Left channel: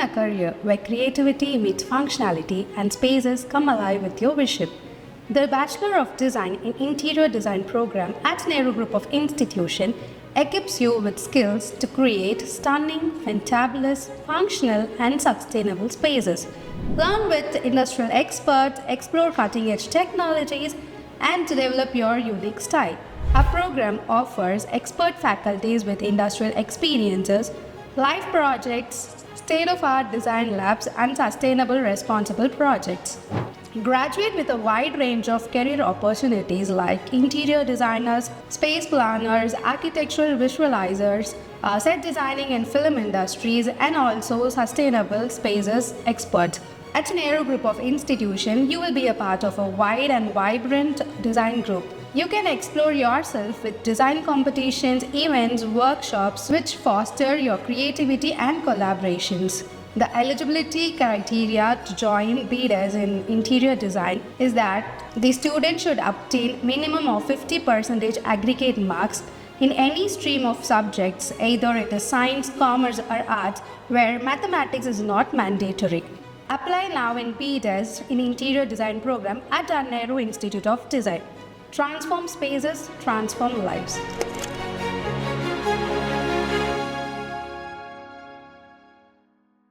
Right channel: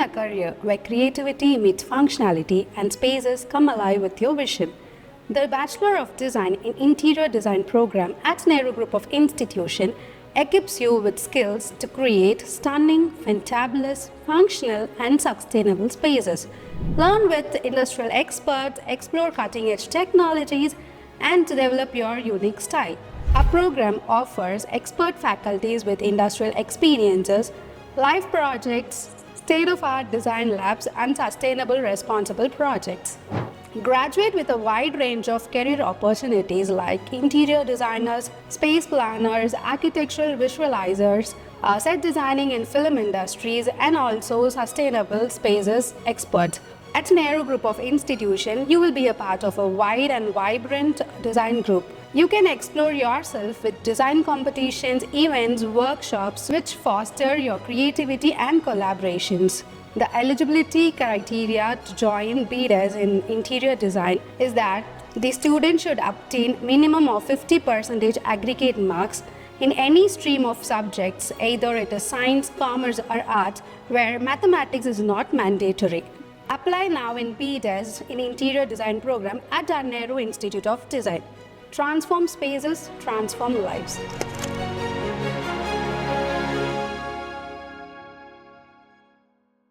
Imagine a career where creativity meets functionality and spaces come alive with your vision. The Bachelor of Design in Interior Design program at Nehru Group of Institution equips you with skills to create stunning, fantabulous, functional and sustainable spaces. Learn with industrial experts, explore cutting-edge technologies and develop your unique style. Our program offers expert faculties with industrial experiences, live projects, state-of-art design labs and sustainable responsible projects. Graduate with a wide range of career opportunities like interior designers, space planners, architectural visualizers, set designing in film industries, and also sustainable spaces experts. At Nehru Group of Institution, you will be a part of a wide and vibrant design group. You can explore yourself with design competitions, events, workshops which foster your creativity and collaborations. The eligibility criteria to join BDES in interior design is that the student should obtain minimum of 50% aggregate marks in any stream of subjects, either it is science, commerce or arts, where mathematics is not mandatory. Apply now in BDES in interior design program at our Nehru Institute of Design. Transform spaces, transform lives.